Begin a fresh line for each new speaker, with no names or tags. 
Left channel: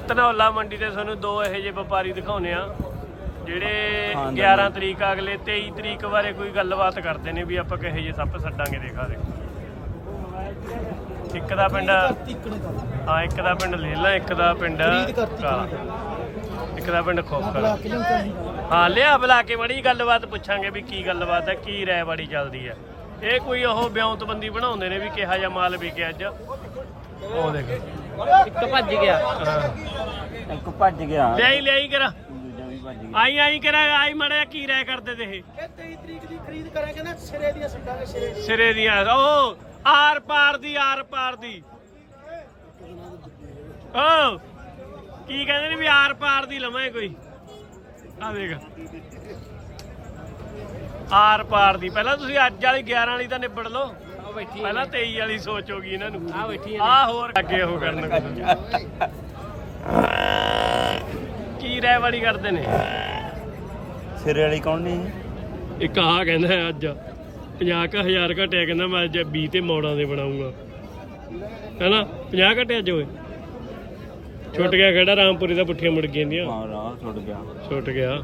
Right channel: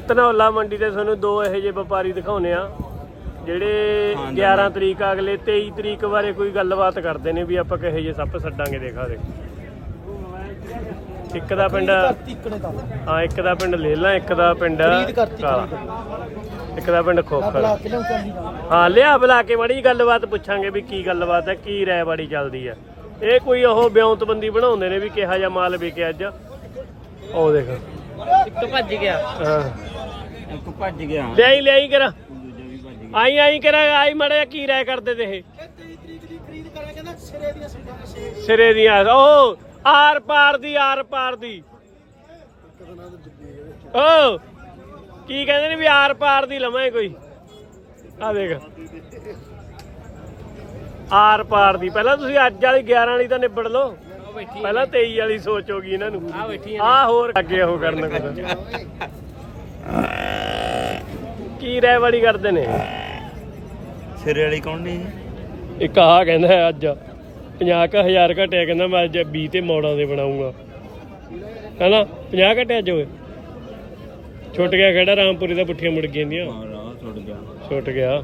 ਧਨੌਲਾ ਮੰਡੀ ਤੇ ਤੁਹਾਨੂੰ ਦੋ ਇਹੋ ਜਿਹੇ ਵਪਾਰੀ ਦਿਖਾਉਨੇ ਆ ਜਿਹੜੇ
ਹਾਂ,
11 ਤਰੀਕ ਅਗਲੇ 23 ਤਰੀਕ ਬਾਰੇ ਕੋਈ ਗੱਲਬਾਤ ਕਰਦੇ ਨੇ ਵੀ ਆਪਾਂ ਕਿਹੋ ਜਿਹੇ ਸੱਪ ਛੱਡਾਂਗੇ ਦੇਖਾ ਦੇ ਇੱਕ ਦਾ ਪਿੰਡ ਹਾਂ ਇੱਕ ਦਾ ਪਿੰਡ ਲੇਲਾ ਇੱਕ ਦਾ ਪਿੰਡ ਇੱਕ ਦਾ ਪਿੰਡ ਖੋਖਰ। ਹਾਂ ਲਿਆ ਬੁਲਾ ਕੇ ਮੜੀ ਗੱਲਬਾਤ ਪੁੱਛਾਂਗੇ ਵੀ ਕੀ ਗੱਲਬਾਤ ਹੈ ਕੀ ਰਾਇ ਬਾੜੀ ਚੱਲਦੀ ਹੈ। ਇਹ ਕੋਈ ਉਹ ਬਿਉਂਤਬੰਦੀ ਬਣਾਉਂਦੇ ਨੇ ਵੀ ਕਿਹਾ ਜਾਂ ਮਾਲ ਵਿਕੇ ਅੱਜ। ਉਹ ਦੇਖ।
ਇੱਕ ਭੱਜ ਗਿਆ।
ਹਾਂ।
ਇੱਕ ਭੱਜ ਗਿਆ।
ਲਿਆਈ ਲਿਆਈ ਕਰਾ।
ਦੂਜਾ ਵੀ ਭੱਜ ਗਿਆ।
ਆਈ ਆਈ ਕਰਾ ਆਈ ਮੜੇ ਕੀ ਰਾਇ ਕਰਦੇ ਤੇ ਇਹ।
ਇਹ 23 ਤਰੀਕ ਦੀ ਖਰੀਦ ਕਰਾਂਗੇ ਨਾ ਸਿਰੇ ਦੀਆਂ ਸੁੱਟਾਂ ਦੇ ਸਿਰੇ
ਸਿਰੇ ਦੀ ਆ ਉਹ ਆਰ ਪਾਰ ਦੀ ਆਰ ਪਾਰ ਦੀ। ਓ ਕੀ ਕਹਿੰਦੇ ਨੇ ਵੀ ਆਰ ਪਾਰ ਦੀ ਲਵਾਂ ਕੋਈ? ਆ ਦੇਖ। ਆਰ ਪਾਰ ਦੀ। ਪਹਿਲਾਂ ਤੁਸੀਂ ਅੱਜ ਵਾਲੀ 11 ਵਾਲੀ ਤਾਂ ਨਿਬੜ ਲਓ। ਪਹਿਲਾਂ 23 ਵਾਲੀ ਸੋਚ ਹੋ ਗਈ ਇਹਨਾਂ ਨੂੰ।
ਆ ਬੈਠੀ
ਆ। ਹੋਰ ਅੱਗੇ ਉਹ ਕਰਨ। ਕੀ ਰਹਿ ਬੜੀ ਕਰਦੇ ਨੇ?
ਸਿਰੇ ਵਾਲੀ ਕੌਣ ਨਹੀਂ?
ਇੱਕ ਆਹ ਕਹਿੰਦਾ ਹੈ ਅੱਜ। 50000 ਘਟਿਆ ਕਹਿੰਦਾ ਮੈਂ ਅੱਜ 20 ਤੇ ਮੋੜਾਂ ਦੇ ਬਣਾਉਂਗਾ। ਕਹਿੰਦਾ 50 ਘਟਿਆ ਅੱਜ ਓਏ? ਛੁੱਟ ਗਿਆ ਖੜਾ ਰਾਮਪੁਰੀ ਦਾ ਪੁੱਠੀਆਂ ਮੁੜ ਗਈਆਂ
ਹਾਂ ਰਾਹ ਛੁੱਟ ਗਿਆ।
ਛੁੱਟ ਗਿਆ।